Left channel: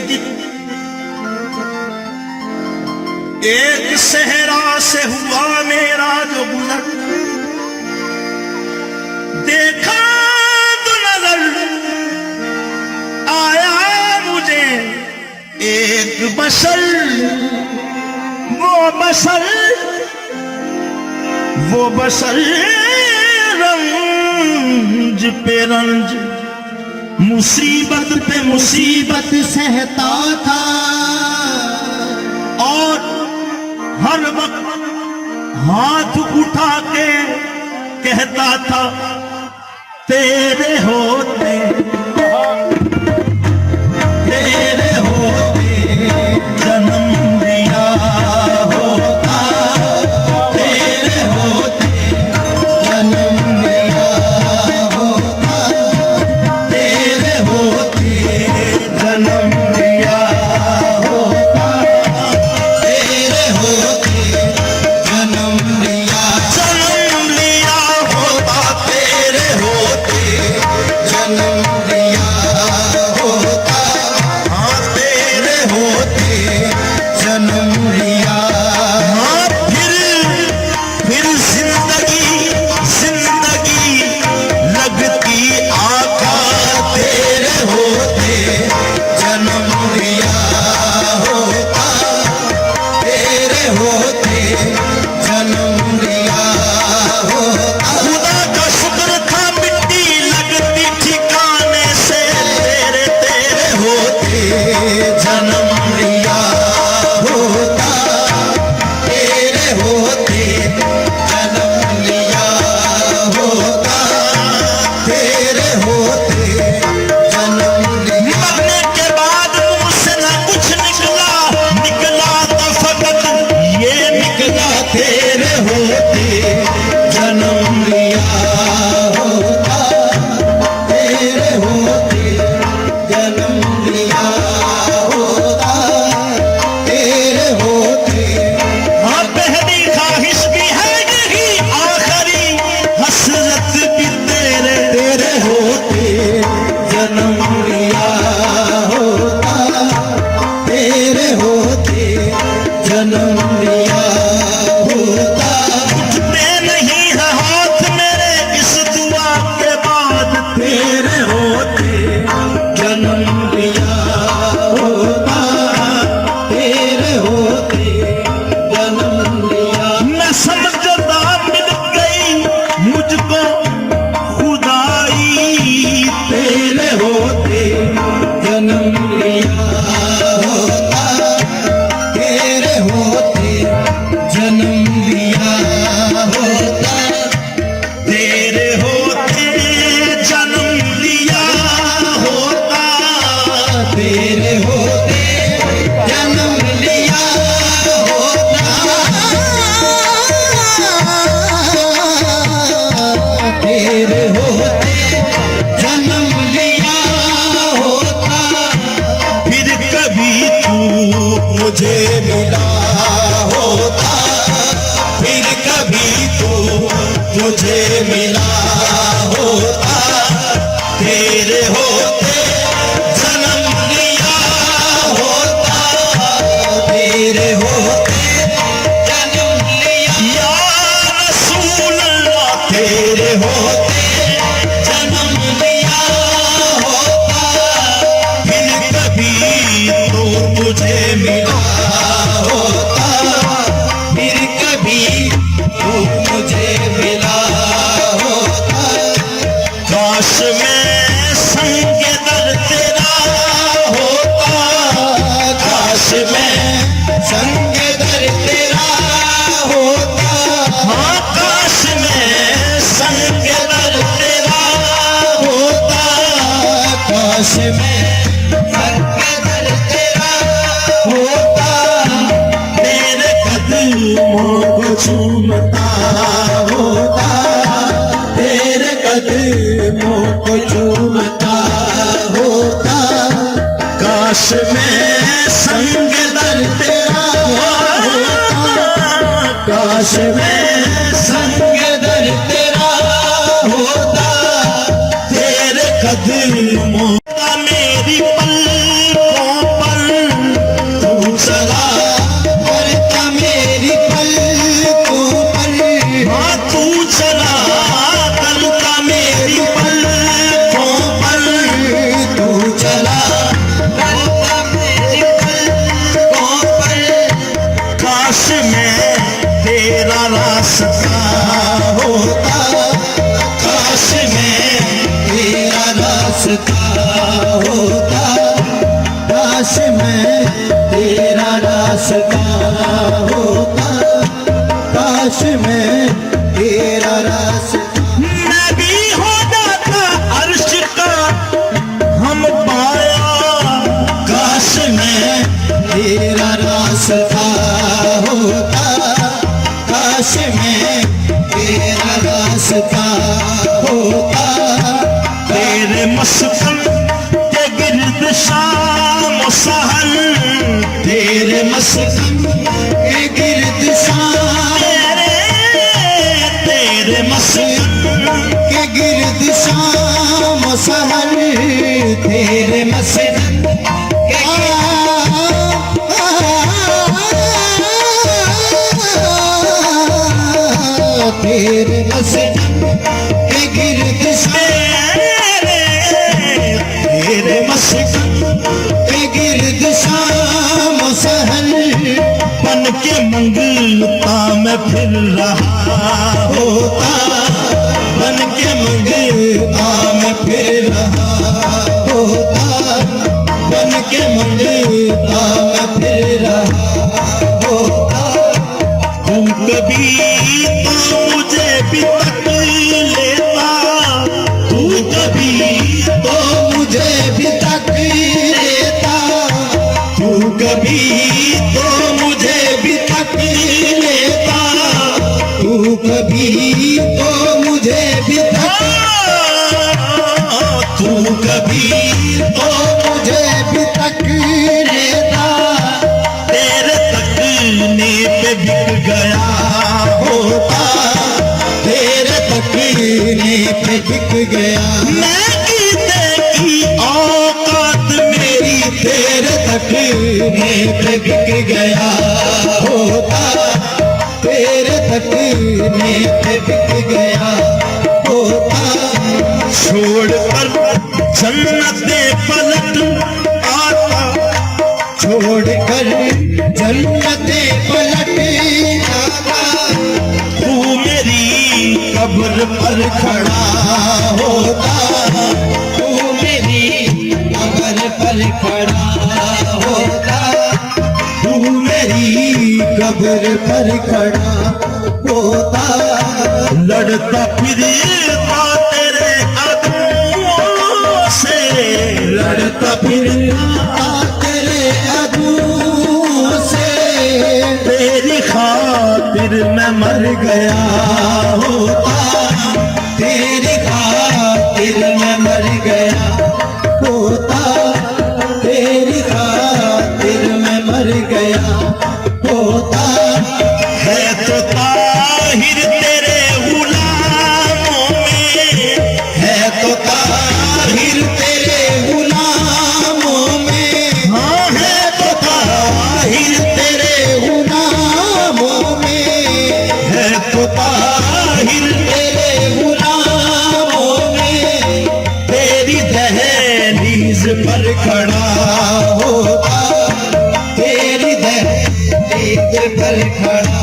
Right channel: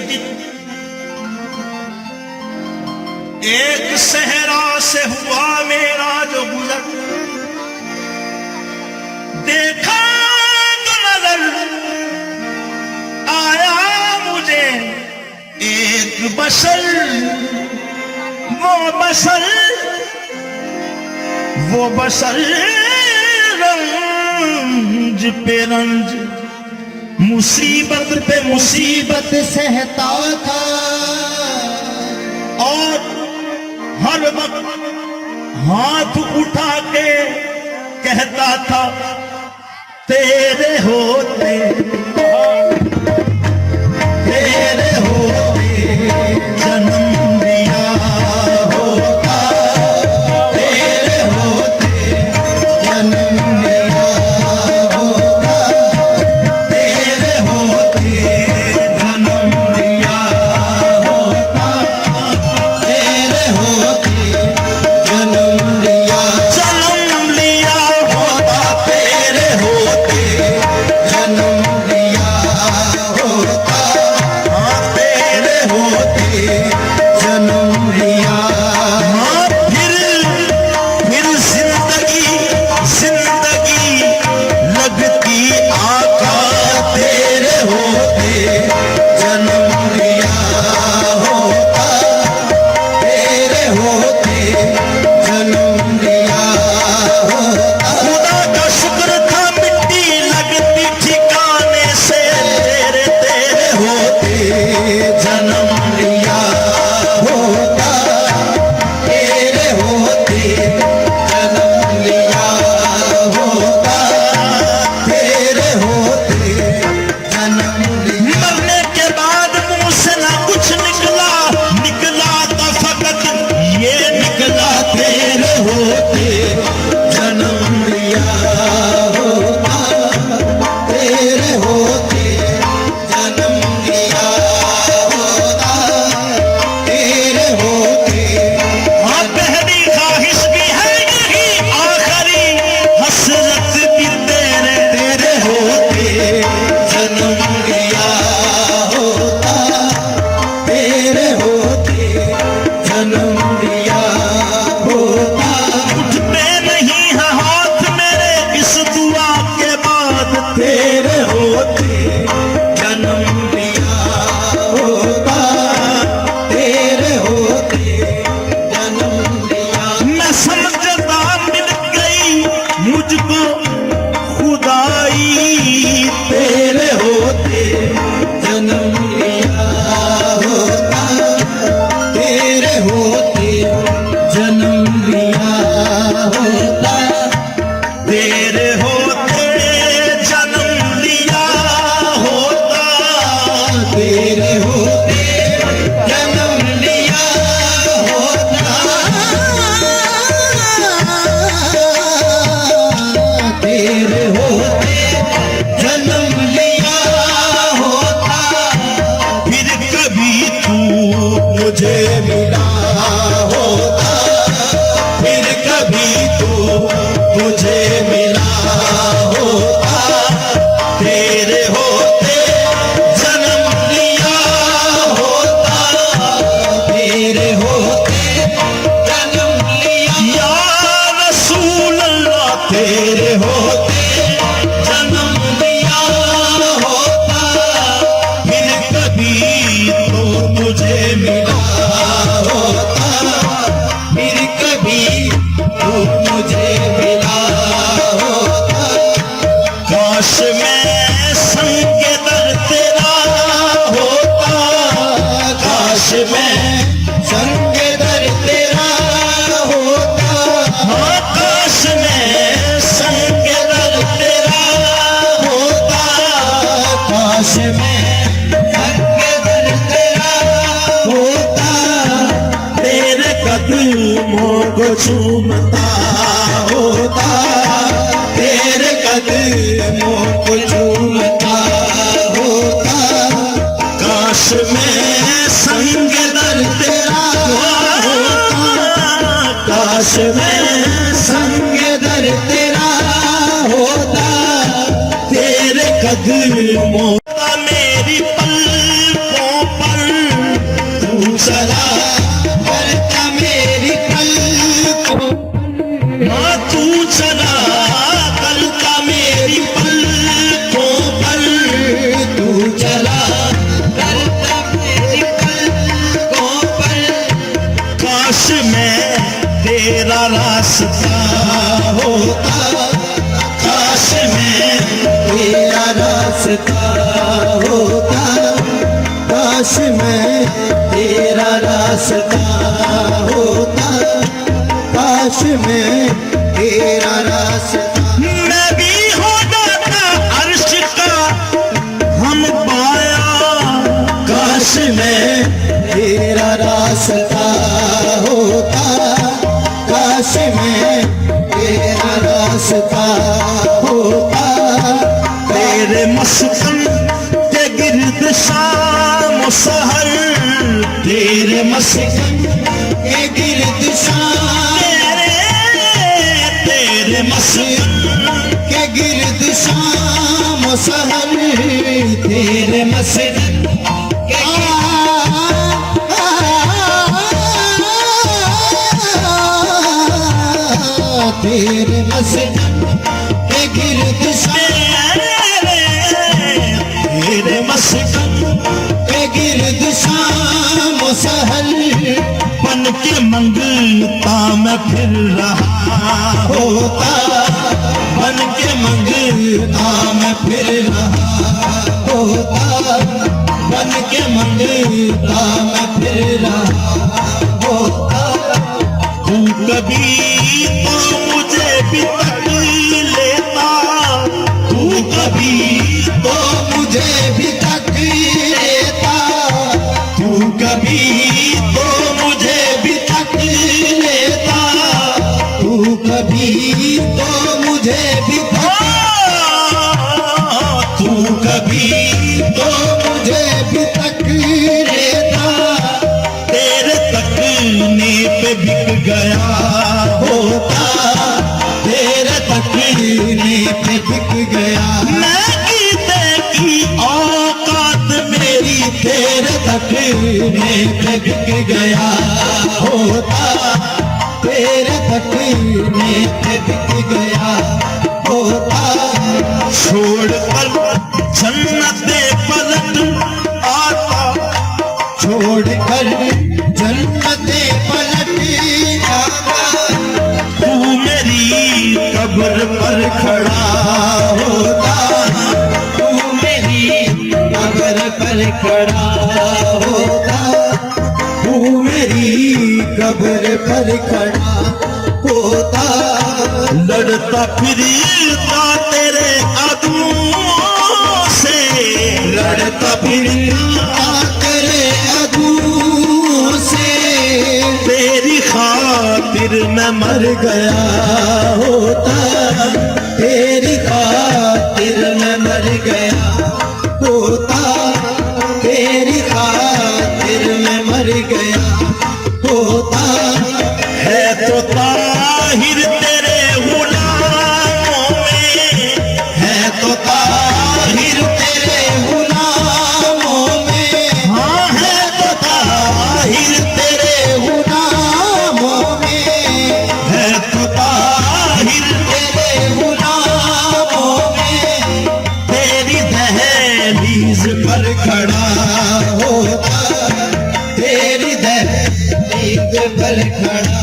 दिन एक सहरा से हुआ मेरा जो गुजर, देखा तो नजर आया मुझे एक बशर, वो बशर रंज पे रंज, मुसीबत पे मुसीबत सहता था और हर वक्त हाथ उठा के कहता था तेरे होते जन्म दिया होता, तेरे होते जन्म दिया होता, तेरे होते जन्म दिया होता, तेरे होते जन्म लिया होता, तेरे होते जन्म लिया होता, तेरे होते जन्म लिया फिर जिंदगी लगती आका, तेरे होते जन्म लिया होता, तेरे होते जन्म लिया होता। खुदा का शुक्र था मिट्टी लगती ठिकाने से, तेरे होते जन्म लिया होता, तेरे होते जन्म लिया होता, तेरे होते जन्म लिया। मरने के बाद मुंह से न कुछ निकला तो फकत ये निकला, तेरे होते जन्म लिया होता, तेरे होते जन्म लिया होता, तेरे होते हाँ पहली ख्वाहिश भी है यही, आखिरी हसरत भी तेरे होते जन्म लिया होता, तेरे होते जन्म लिया होता। उठते नहीं है हाथ मेरे इस दुआ के बाद, तेरे होते जन्म लिया होता, तेरे होते जन्म लिया। मैं समझदा मिल गई मुझको खुदाई, तेरे होते जन्म लिया होता, तेरे होते जन्म लिया होता, तेरे होते जन्म लिया होता, तेरे होते जन्म लिया होता, तेरे होते जन्म लिया होता। फिर कभी तू मुझे मिला होता, फिर कभी तू मुझे मिला होता, तेरे होते जन्म लिया होता, तेरे होते जन्म लिया। या रसूल अल्लाह, तेरे होते जन्म लिया होता, फिर कभी तू मुझे मिला होता, फिर कभी तू मुझे मिला होता। काश मैं संग दर तेरा होता, काश मैं संग दर तेरा होता, हाँ काश मैं संग दर तेरा होता, काश मैं संग दर तेरा होता, तेरे कदमों को चूमता होता, तेरे कदमों को चूमता होता। काश मैं संग दर तेरा होता, काश मैं संग दर तेरा होता, तेरे कदमों का मेरी पलकों पर रास्ता होता, काश मैं तेरा रास्ता होता, काश मैं तेरा रास्ता। मैं भी हो जाता अर्श का हम पाया, काश मैं तेरा रास्ता होता, काश मैं तेरा रास्ता होता। तेरे मस्कन के गिर्द शाम सहर, तेरे मस्कन के गिर्द तेरे मस्कन के गिर्द शाम सहर, तेरे मस्कन के तेरे मस्कन के गिर्द तेरे मस्कन के गिर्द शाम सहर, बन के मंगलता मैं फिर रहा होता, बन के मंगलता मैं फिर रहा होता, बन के मंगलता मैं फिर रहा होता। तू कभी तो मुझे भी तक लेता, तू कभी तो मुझे भी तक लेता, तू कभी तो मुझे भी तक लेता, तू कभी तो मुझे भी तक, तू कभी तो मुझे भी तक लेता। तेरे तकने पे बिक गया होता, तेरे तकने पे बिक गया मैं, गीते की औकात मेरी तेरे तकने पे बिक गया होता, तेरे तकने पे बिक गया होता। छोड़ कर जन्नते पलट आता, छोड़ कर जन्नते पलट आता, तू मेरी कब्र पर खड़ा होता, तू मेरी कब्र पर खड़ा होता, तू मेरी कब्र पर खड़ा होता। लड़ता फिरता तेरे अदुओं से, लड़ता फिरता तेरे अदू से, तेरी खातिर मैं मर मर गया होता, तेरी खातिर मैं मर गया होता, तेरी खातिर मैं मर गया होता। है तो ताहिर तेरे गुलामों में, है तो ताहिर तेरे गुलामों में, हाँ है तो ताहिर तेरे गुलामों में, है तो ताहिर तेरे गुलामों में। तेरी दहलीज पर खड़ा होता, तेरी दहलीज पर खड़ा